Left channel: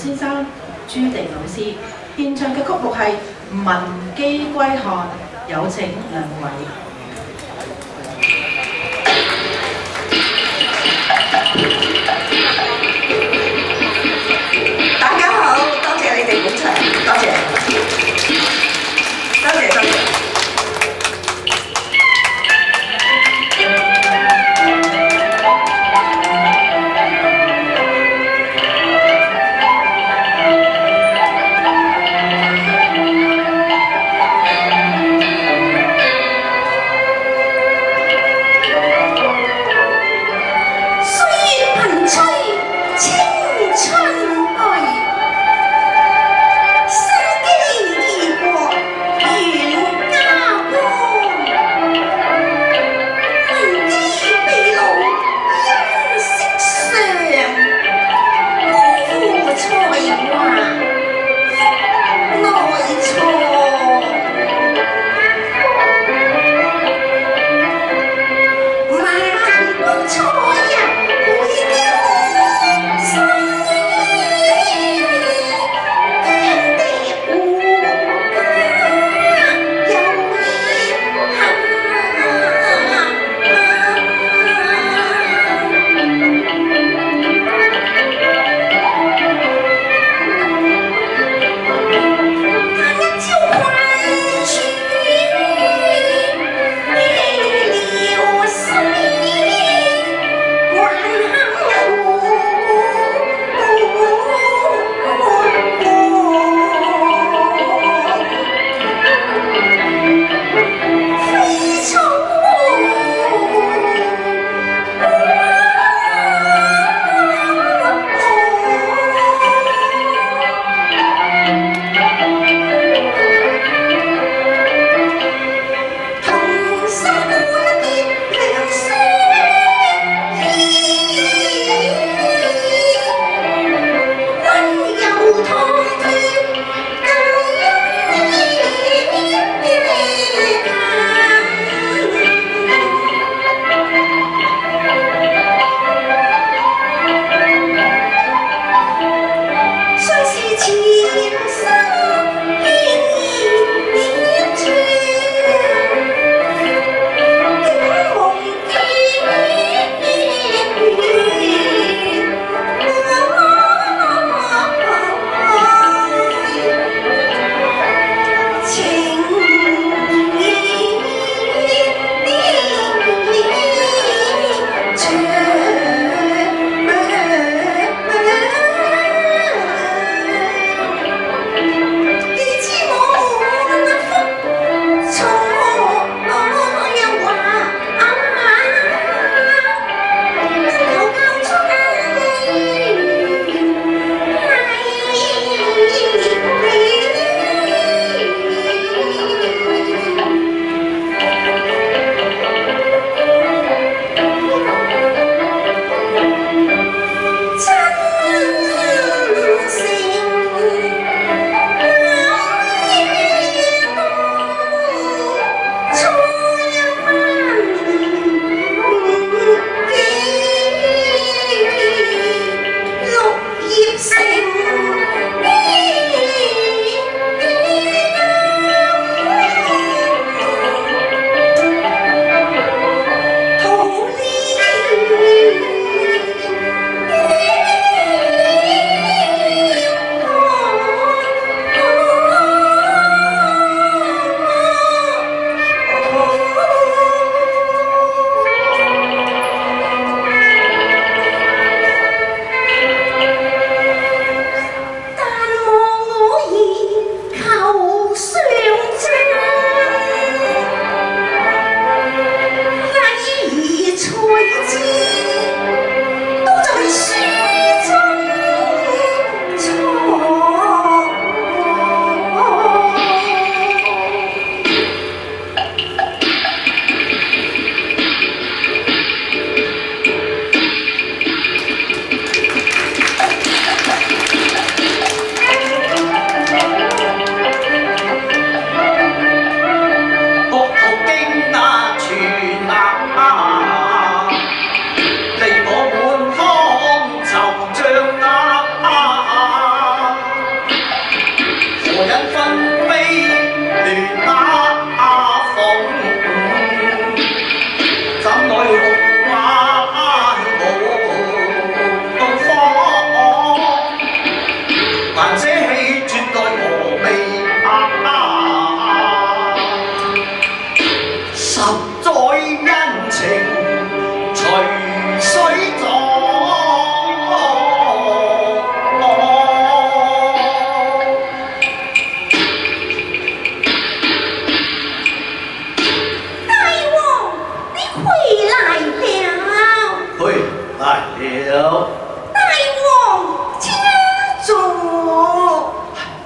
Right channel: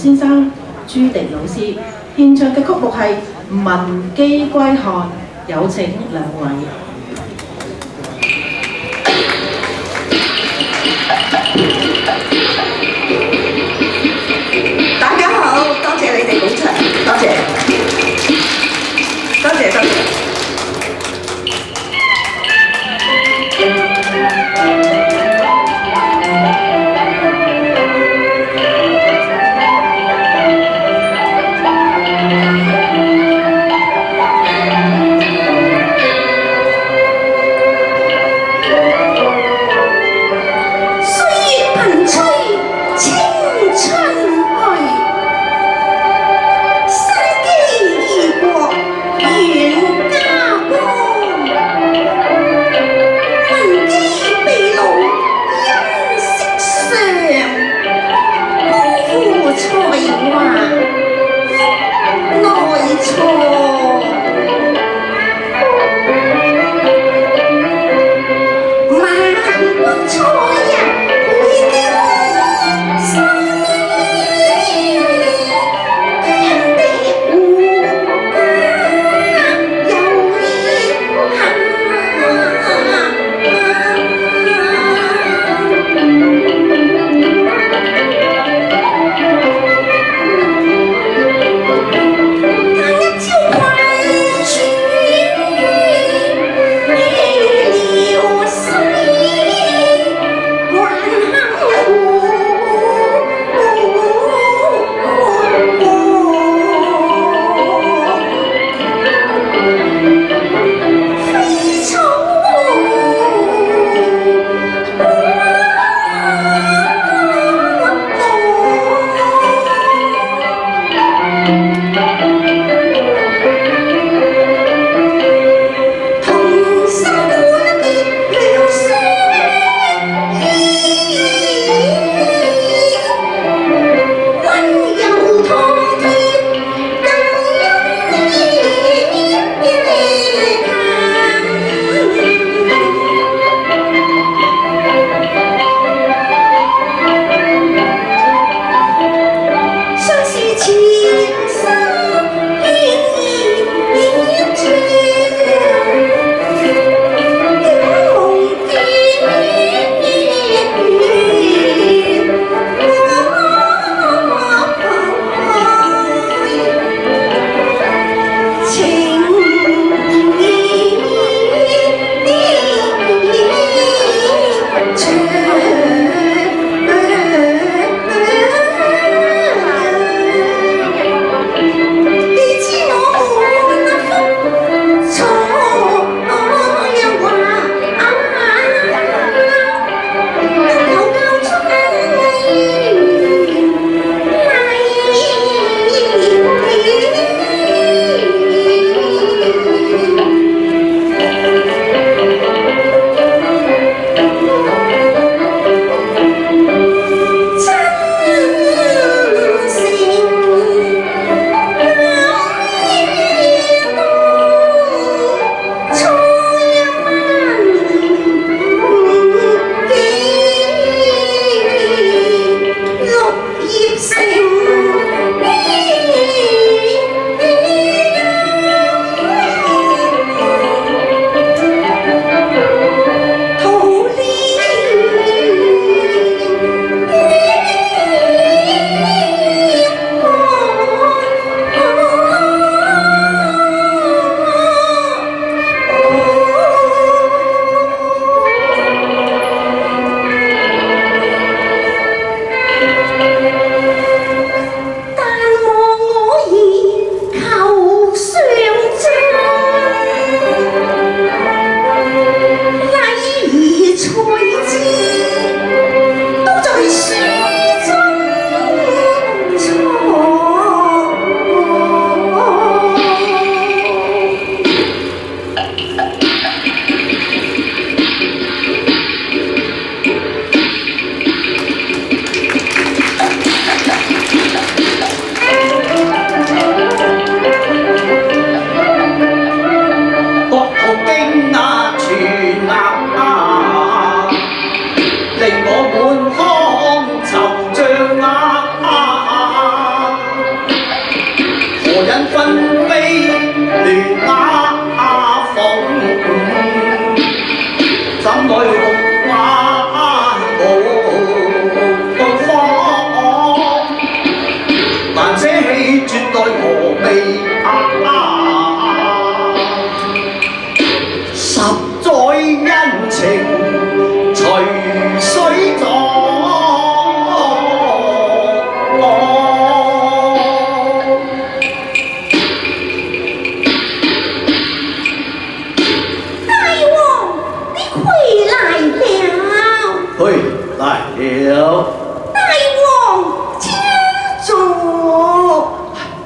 先生朱迪老師獻唱嘅曲目係《文姬歸漢》，有請兩位。大家好，多謝你哋捧場，多謝，多謝，多謝。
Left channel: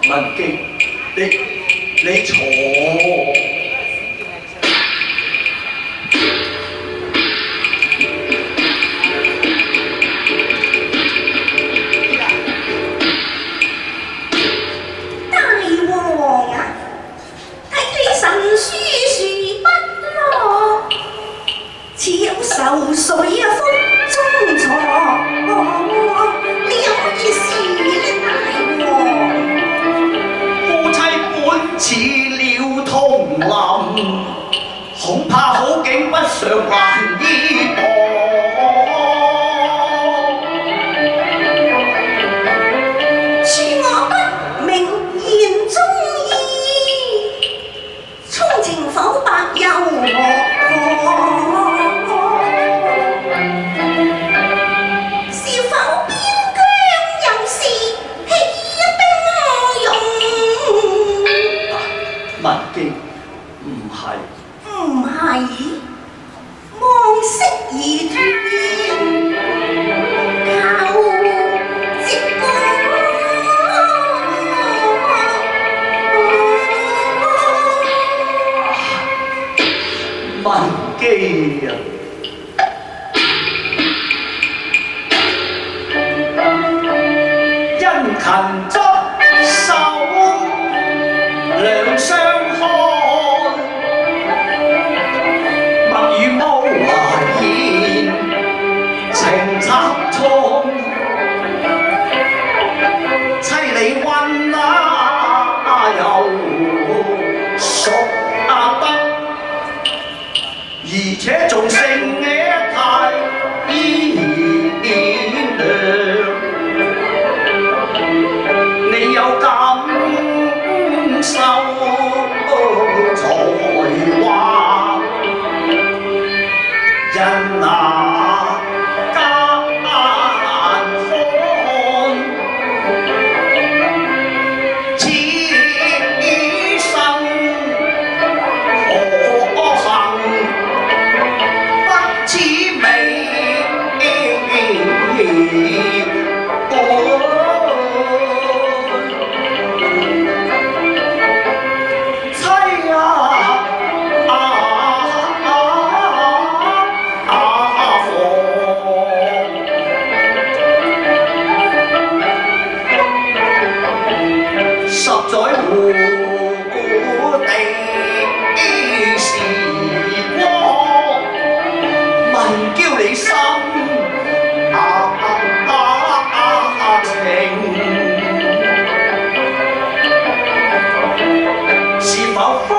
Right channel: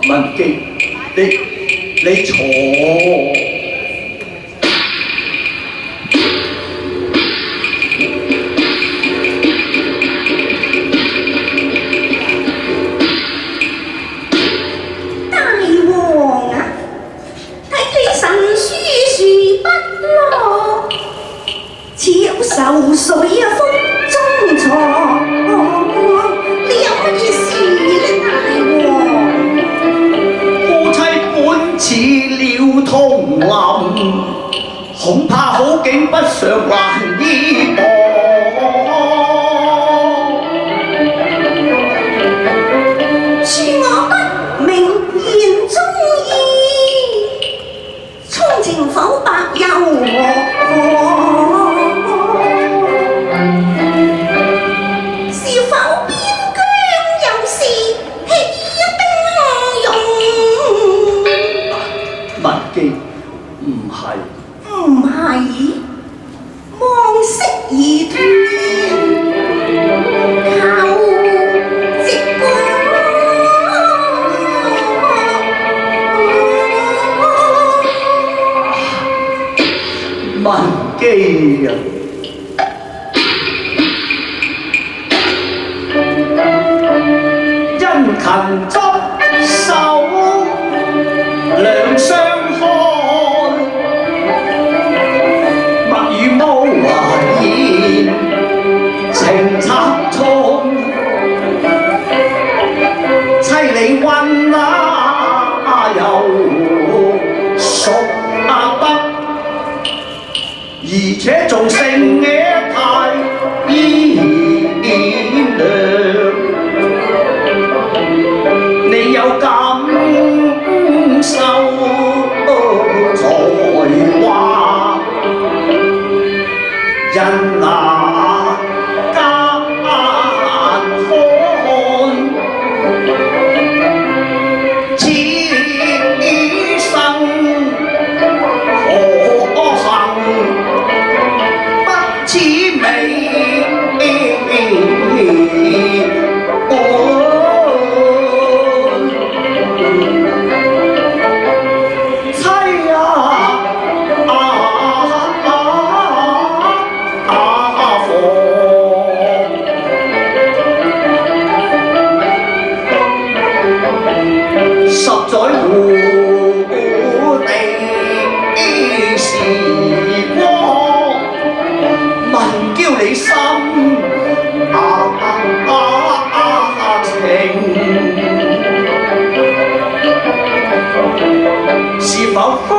文基，你坐。受水啊，風中藏，你有乜嘢事呢，大王？夫妻本似鳥同林，恐怕好景不常還依傍。恕我不明言中意，衷情剖白又何？文基唔係，望色而斷，靠直觀。文基啊，殷勤執手，兩相看，物與無言，情拆中，妻離婚又熟得，而且仲成野太賢良，你有感受才華，人那艱看，此生可幸不似美。在湖地時光，問叫你心情，是否方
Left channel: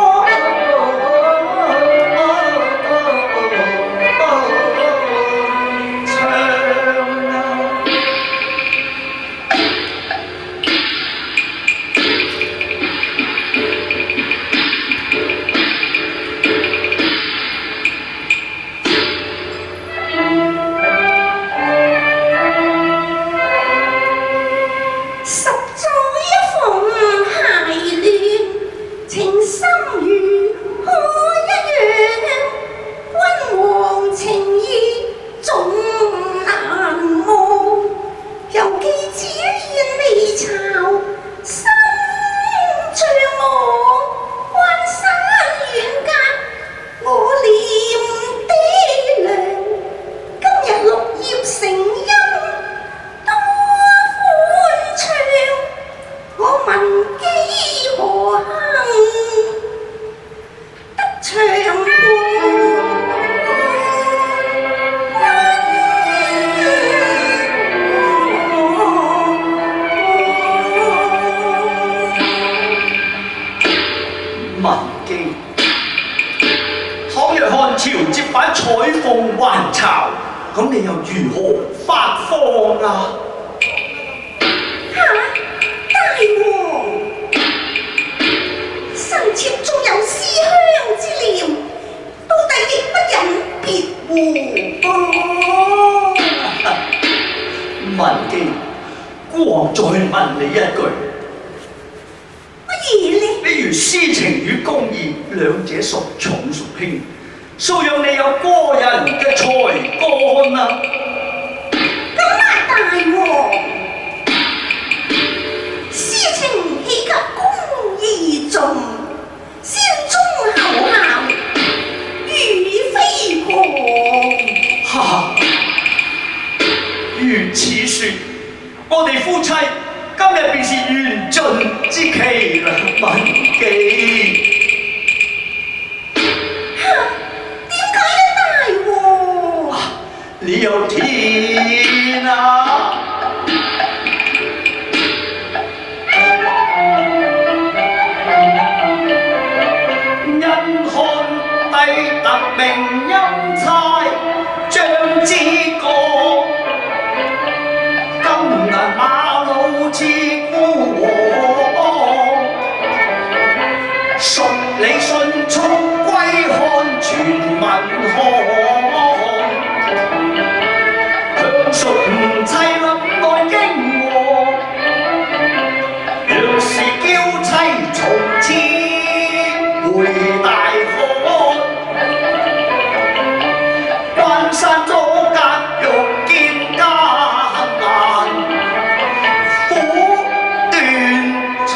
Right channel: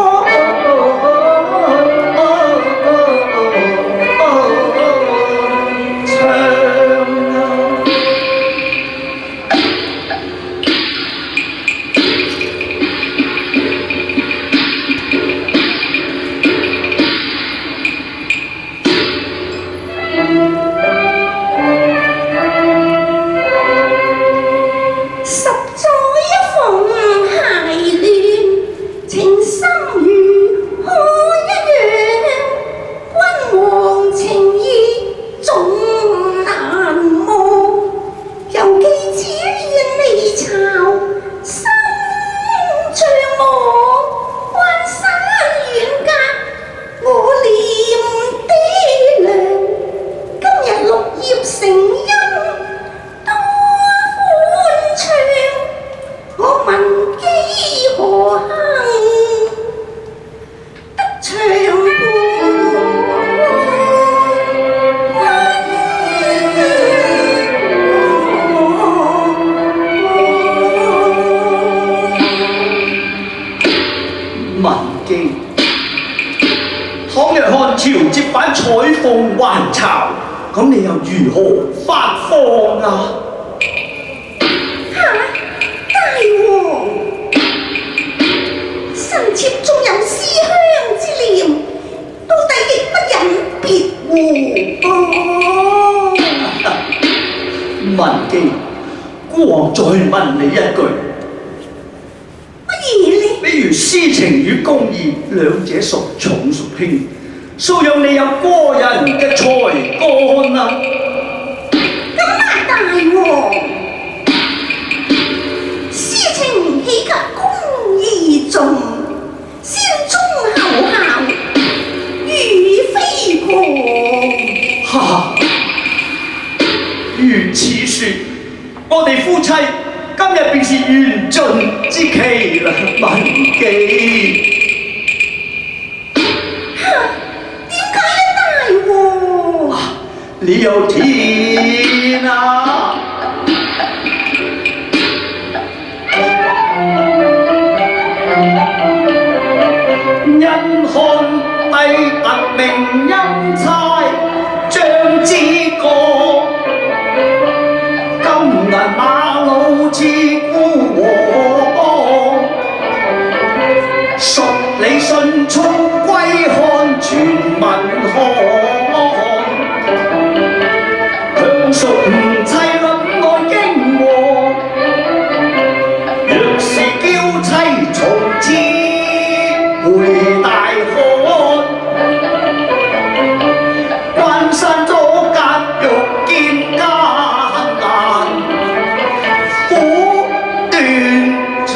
文基，倘若漢朝接版彩鳳還巢，咁你又如何發放啊？大王，臣妾仲有思鄉之念，到底亦不忍別乎？文基，孤王再問你一句。比如私情與公義，兩者孰重孰輕？素養你有過人嘅才幹啊！咁啊，大王，私情豈及妻，今日便是緣盡之期啦，文記。點解咧，大王？你有天啊！因看帝特命欽差張之過，金銀馬路似孤王，順理迅速歸漢全民看，強屬妻論愛經和，若是嬌妻從此回大漢，關山阻隔欲見家難，苦斷腸。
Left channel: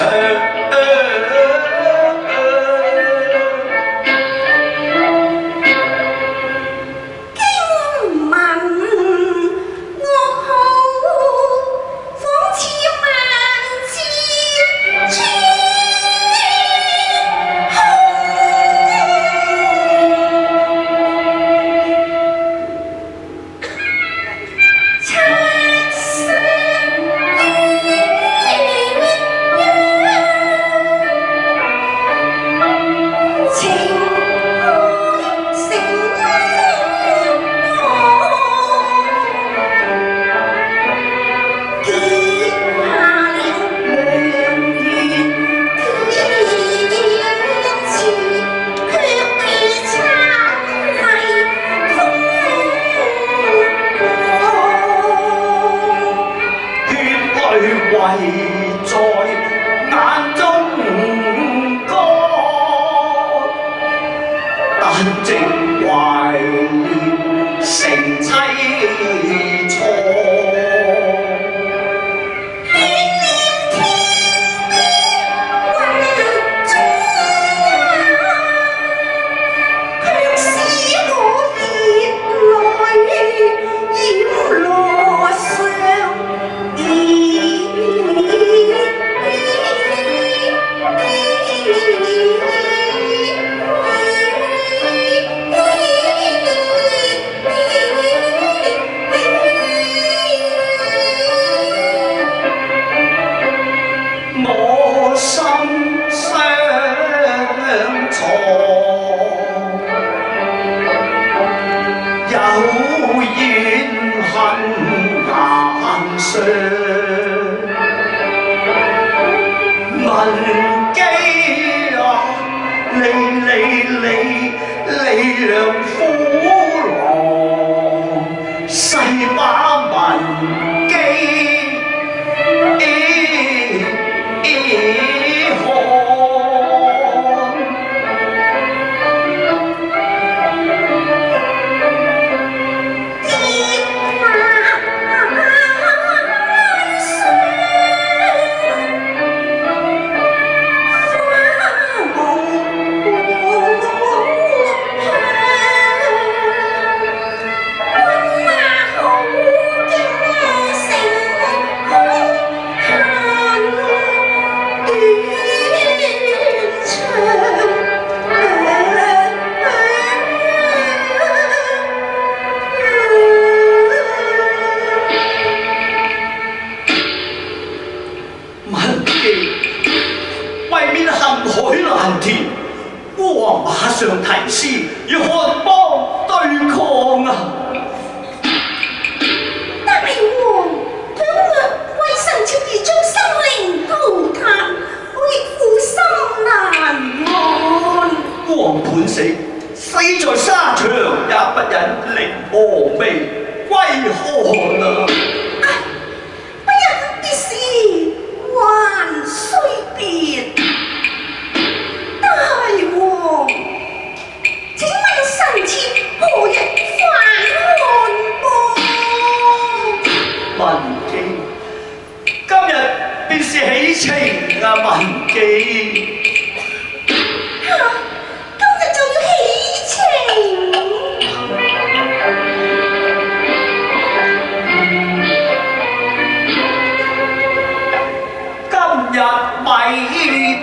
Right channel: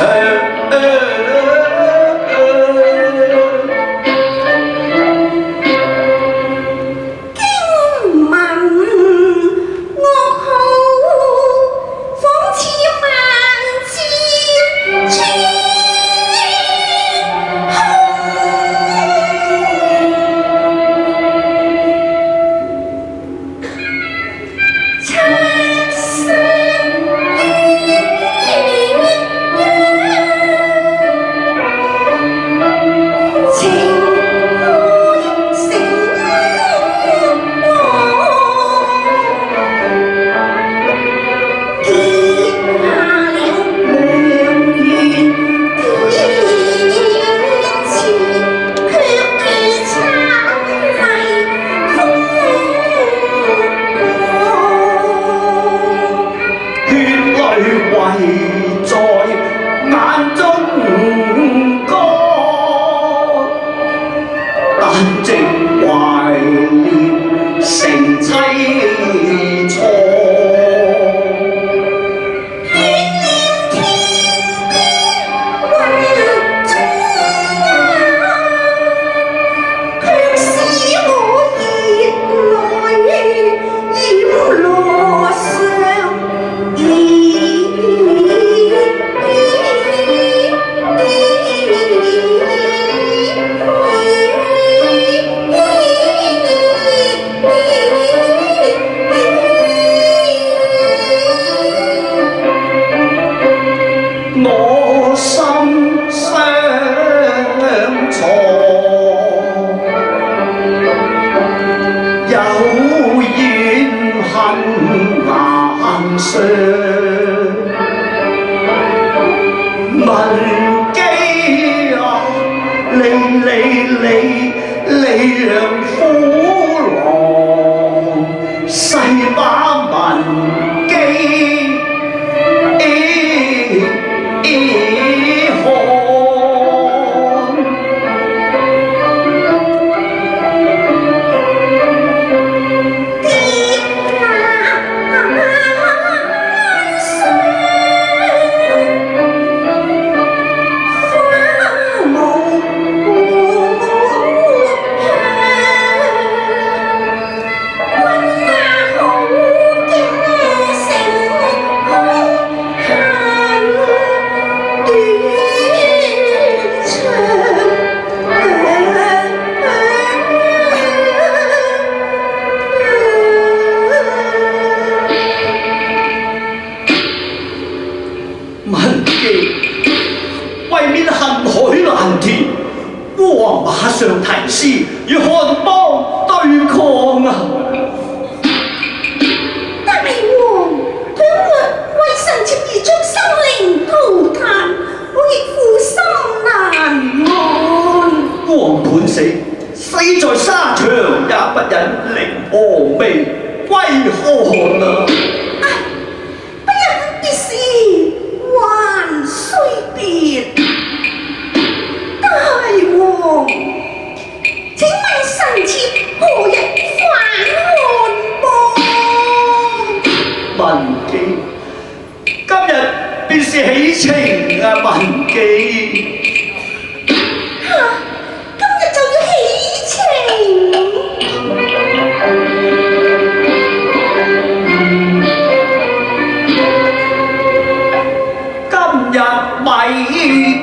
日未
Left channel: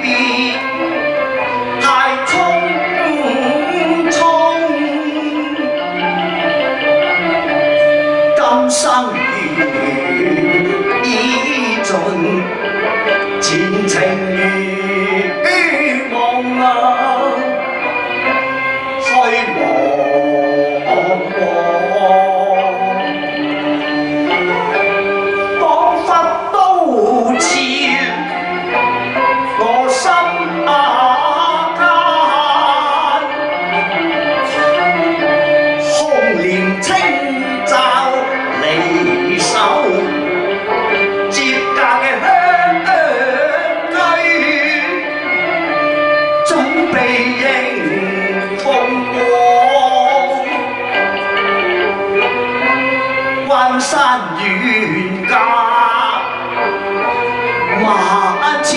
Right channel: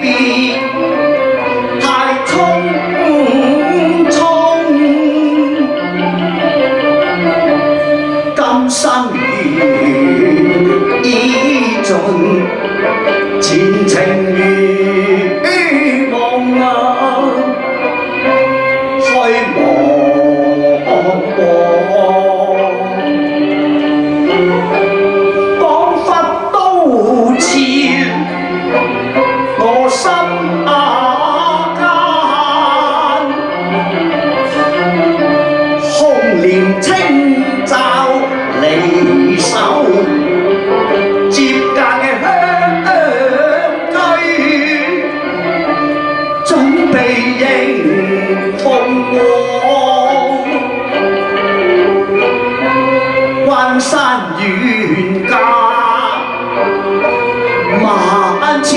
必太匆匆，今生緣已盡，前程如夢啊，虛茫茫，彷彿都似我心間，紅蓮清罩離手，接隔嘅香居，準備迎鳳凰，關山遠隔萬千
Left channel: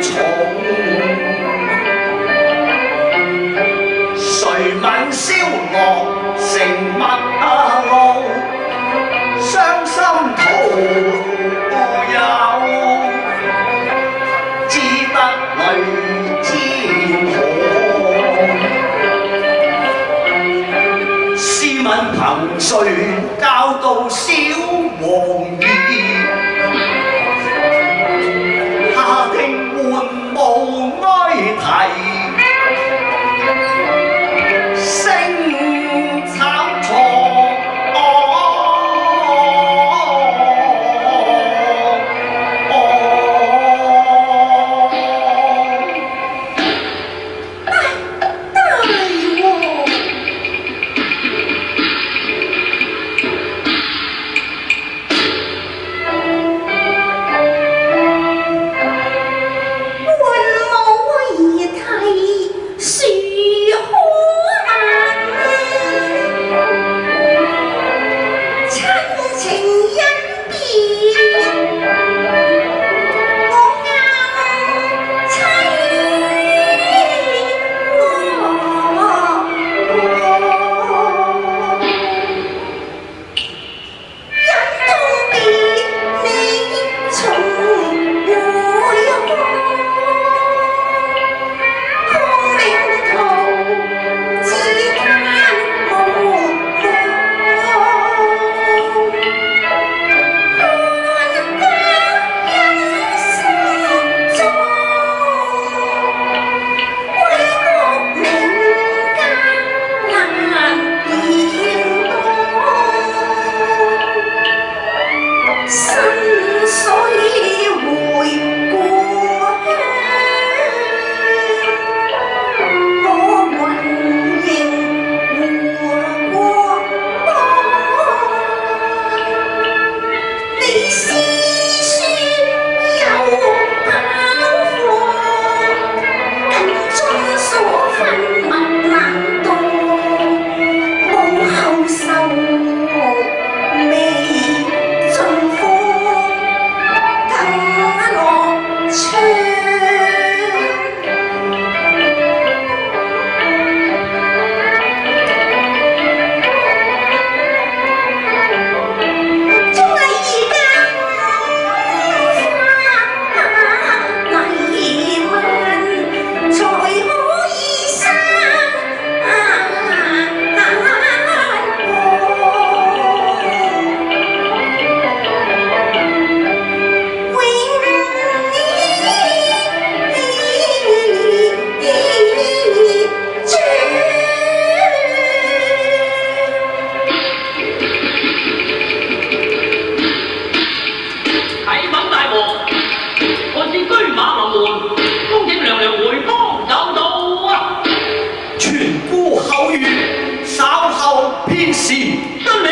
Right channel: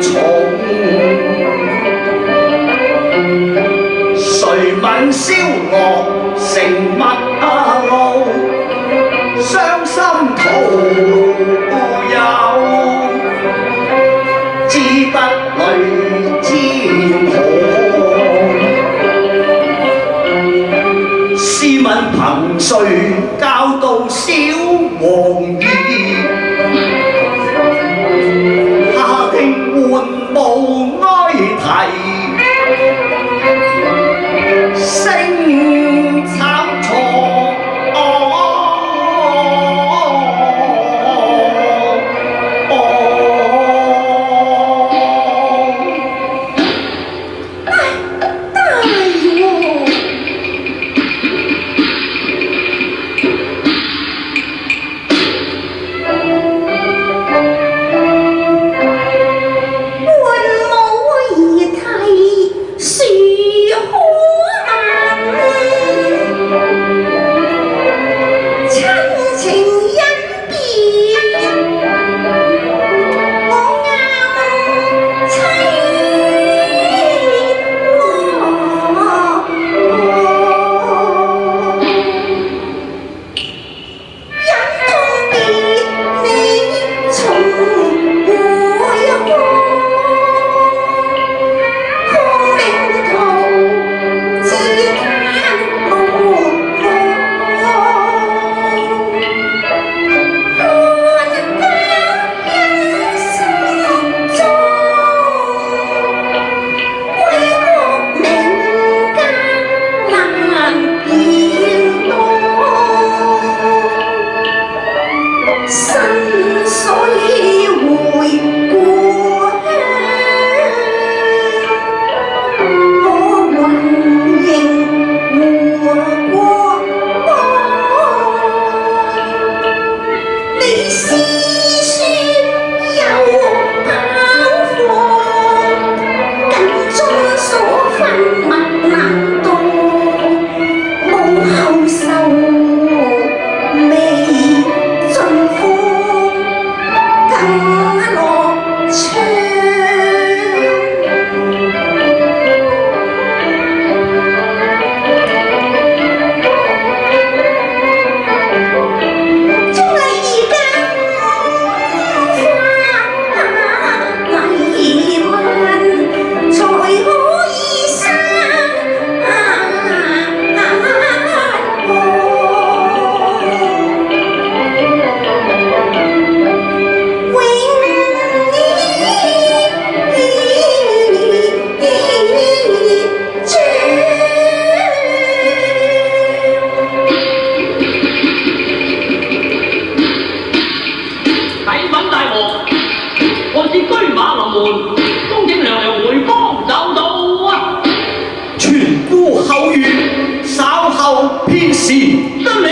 重，誰問蕭樂成乜路？傷心徒有，只得淚千行。試問憑誰教導小王兒？下定玩無哀啼，聲慘錯。後願，稍後偏時得力。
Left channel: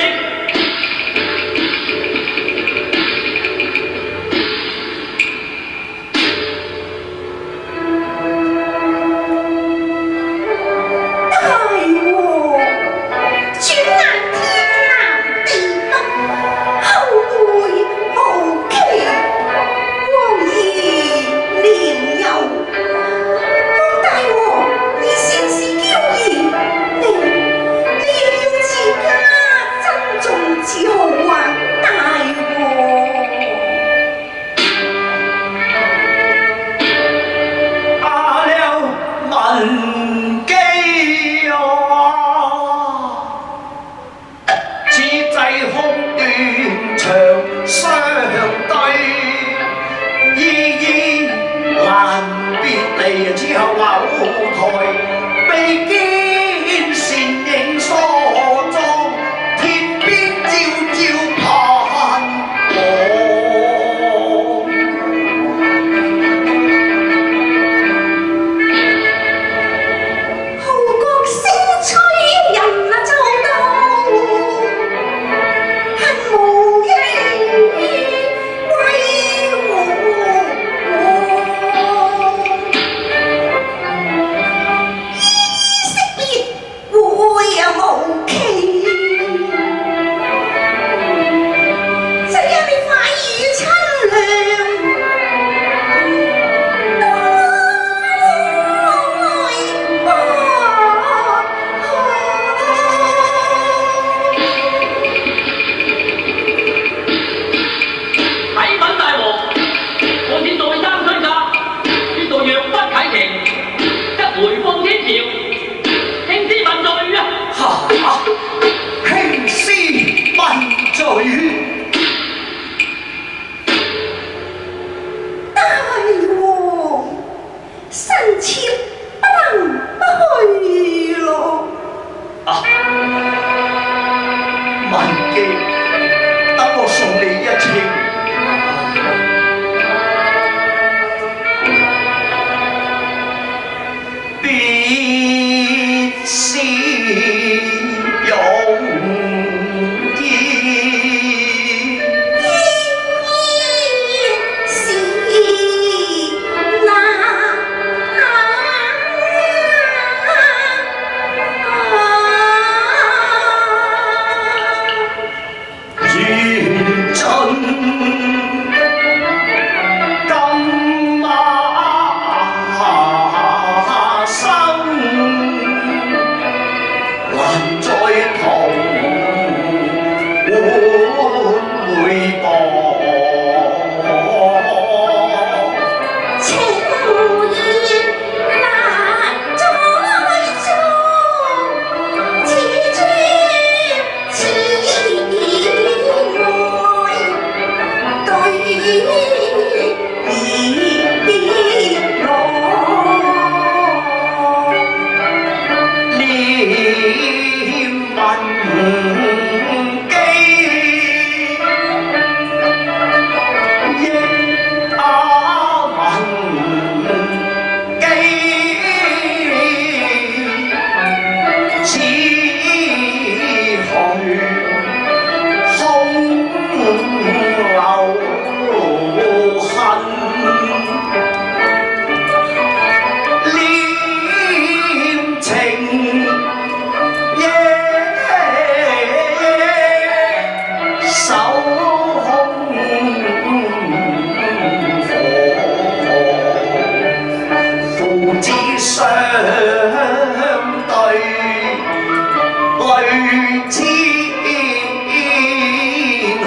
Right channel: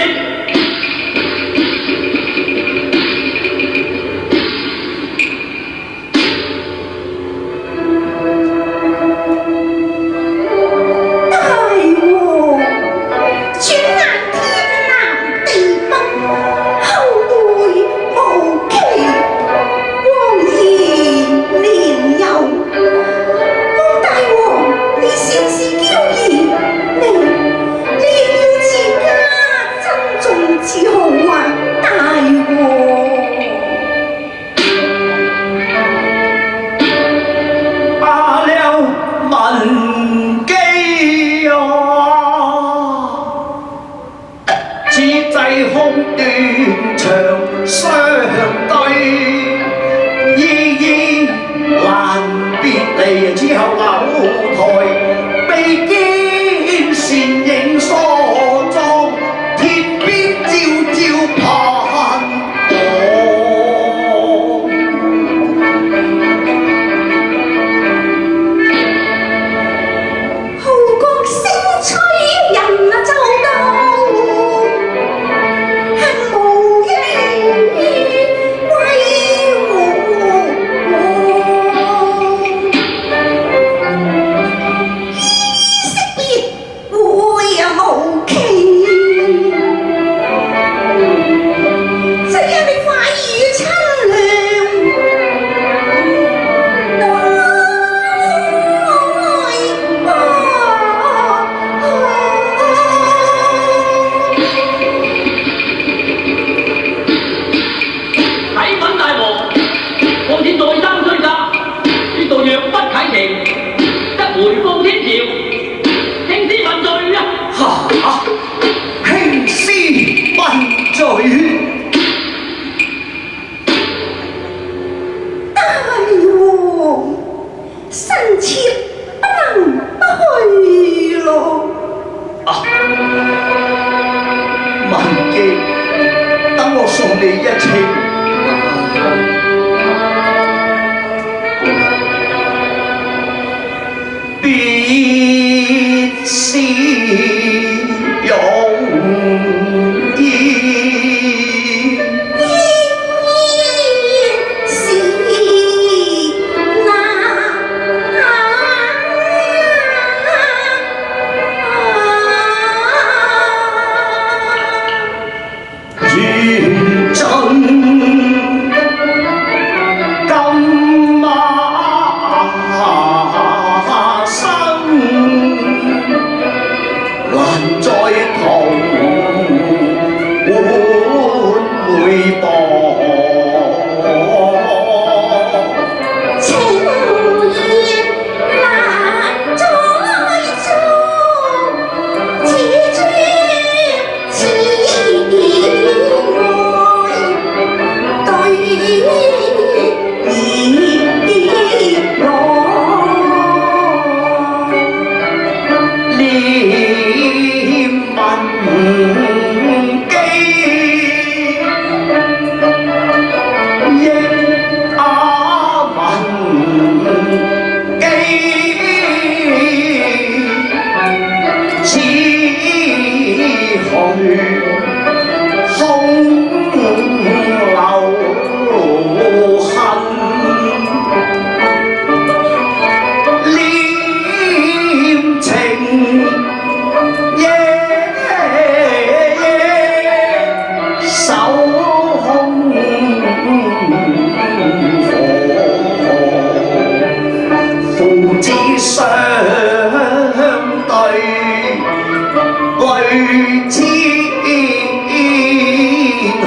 你亦要自家。地之後樓台，被見倩影梳妝，天邊朝朝盼我。號角聲催人啊奏到，恨無應歸惜別會啊無期，只因你快意親娘。啟稟大王，我此再三催責，呢度若不啟程，則回報天朝，興師問罪啊！哈！興師問罪。大王，臣妾不能不去咯。啊！文姬，等我送你一程。別是容易，是願盡今晚生，難再同會報。情意難再續，此專此愛對兒郎。念文姬，憶文姬，此去空留恨。念情夜守空火，父子相對淚千河。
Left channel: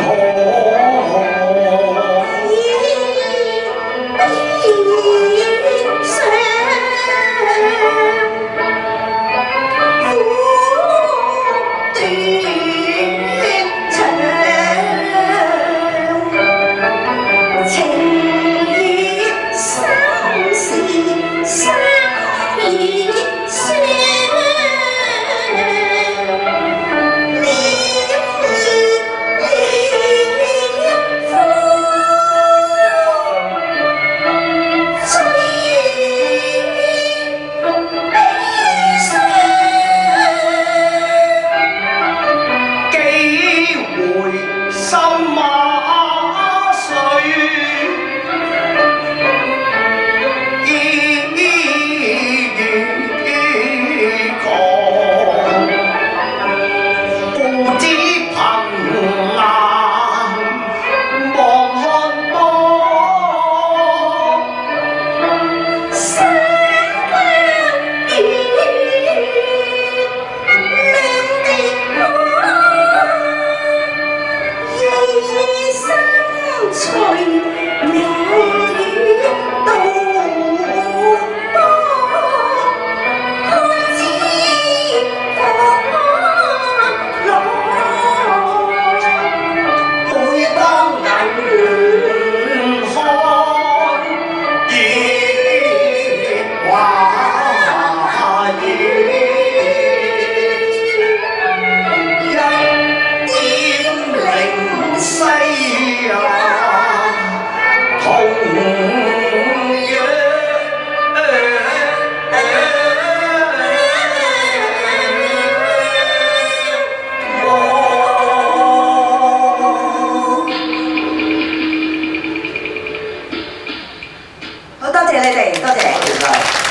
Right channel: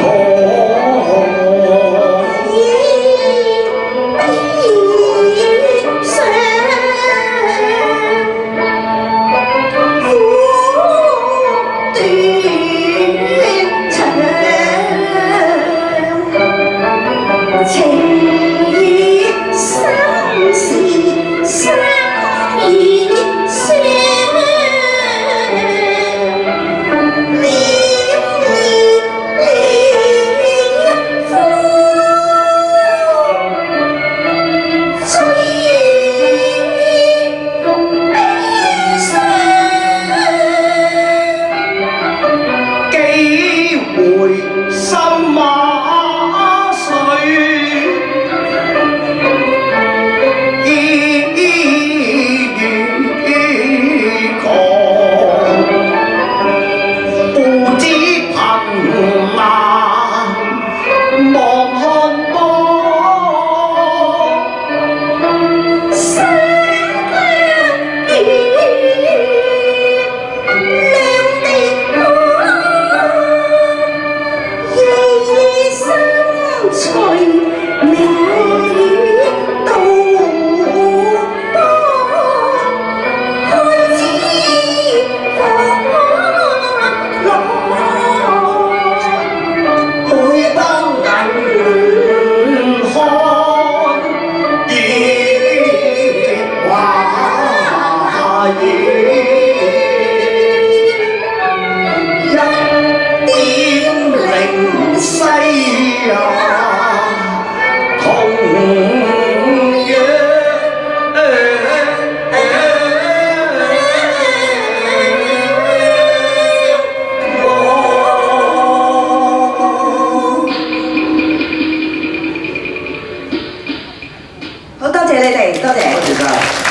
情意生是生意。夜，一點零西呀，同樣。好多謝你哋，多謝。多謝晒。